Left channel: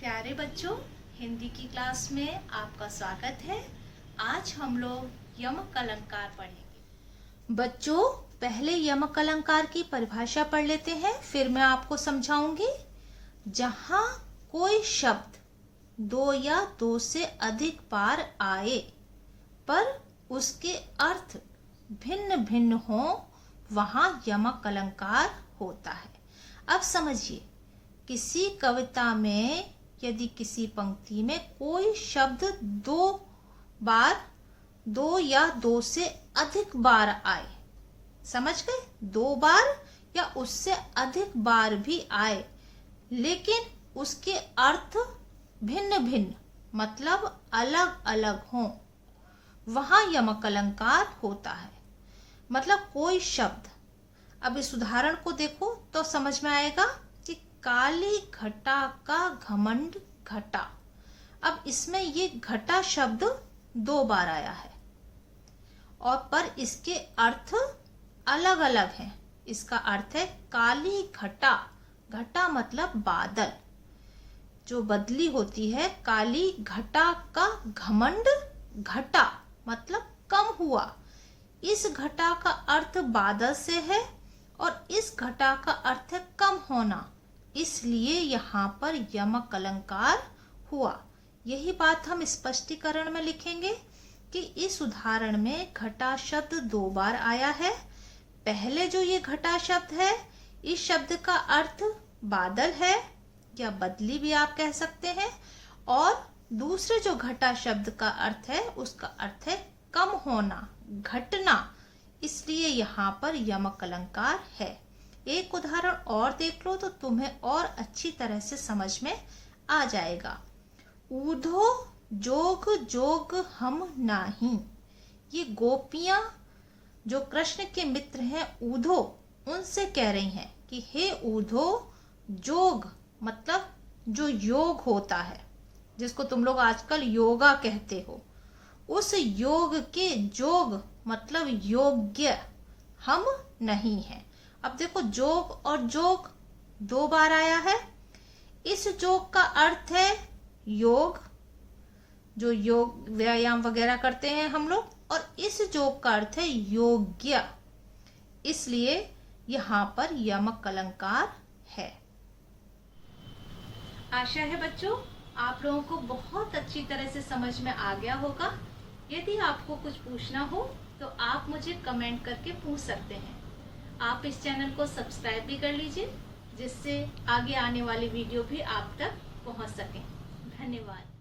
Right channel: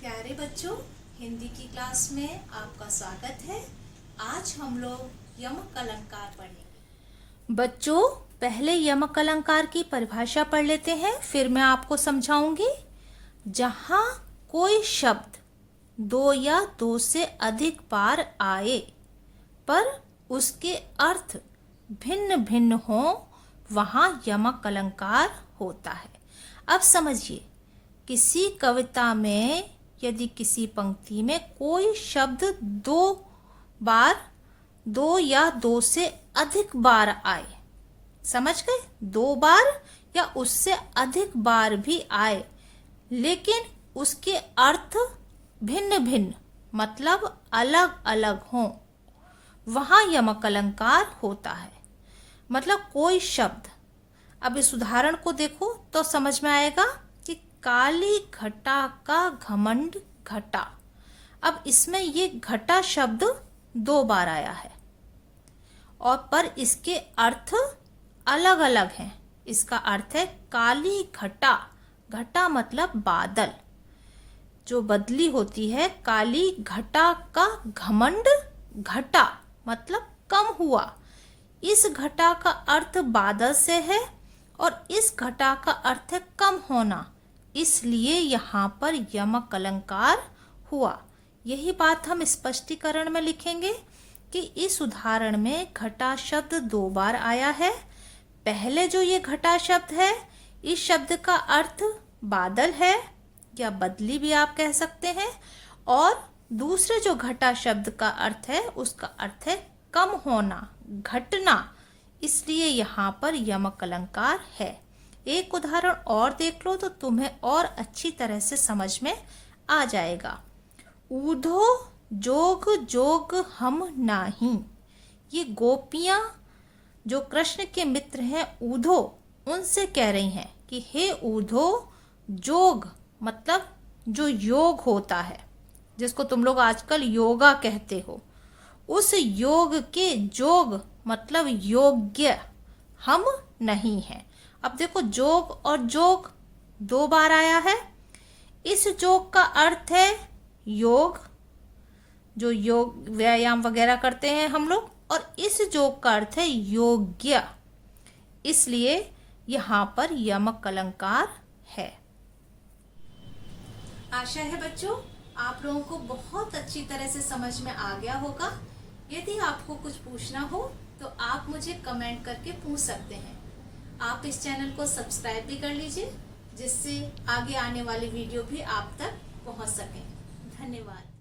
प्यारे बच्चों, हिंदी की क्लास में आपका स्वागत है। आज हम लोग यमक अलंकार पढ़ेंगे। बच्चों, पहले यमक अलंकार की परिभाषा पढ़ लेते हैं, फिर मैं आपको समझाऊंगी। जहां कोई शब्द दो या दो से अधिक बार आए पर उसके अर्थ भिन्न भिन्न हो, वहां यमक अलंकार होता है। अब समझिए, किसी कविता में यदि किसी पंक्ति में कोई शब्द दो बार, दो या दो से अधिक बार आए, समझ गए? दो बार या उससे अधिक बार भी आए, लेकिन उसके अर्थ भिन्न भिन्न मतलब अलग अलग हों, वहां यमक अलंकार होता है। मतलब कोई शब्द, अब इस उदाहरण को देखो तो समझ में आएगा कि काली घटा का घमंड घटा। अब इसमें ये घटा शब्द दो बार आया है और पर इसके अर्थ अलग अलग हैं। इसका अर्थ है काली घटा, घटा मतलब बादल, जो बदली होती है। काली घटा का घमंड घटा मतलब कम हुआ। इस घटा का अर्थ बादल से है और इस घटा का अर्थ है कम होना, इसलिए यहाँ पर यमक अलंकार हुआ। यही बात हम स्पष्टीकरण में लिखेंगे कि इस उदाहरण में घटा शब्द दो बार आया है। पहले जो ये घटा शब्द है, इस शब्द का अर्थ बादल है या बदली भी आप कह सकते हैं, और दूसरे जो घटा शब्द का अर्थ है, उसका अर्थ है कम होना, घटना, इसलिए यहाँ पर यमक अलंकार है। एक उदाहरण और देख लो तो तुम्हें और अच्छी तरह से समझ में आ जाएगा। ऊधो जोग जोग हम नाही। ये गोपियां जो कृष्ण के मित्र हैं ऊधो, उनसे कह रही हैं कि हे ऊधो, जोग मतलब जो योग होता है, जिसको तुम लोग आजकल योगा कहते हो, उस योग के जोग मतलब योग्य हम नहीं हैं। अब देखो, जोग और जोग दो बार आया है। इस जोग का अर्थ है योग, जो योग व्यायाम वगैरह करते हैं हम लोग, और इस जोग का अर्थ है योग्य, इसलिए यहाँ पर यमक अलंकार है। आशा है बच्चों आप लोगों को बहुत अच्छी तरह से समझ में आ गया होगा। यदि आपको कुछ पूछना हो तो आप मुझे कमेंट करके पूछ सकते हैं। आप इस चैनल को सब्सक्राइब भी कर लीजिए, जिससे आगे आने वाली वीडियो भी आप तक पहुंच सकें। धन्यवाद।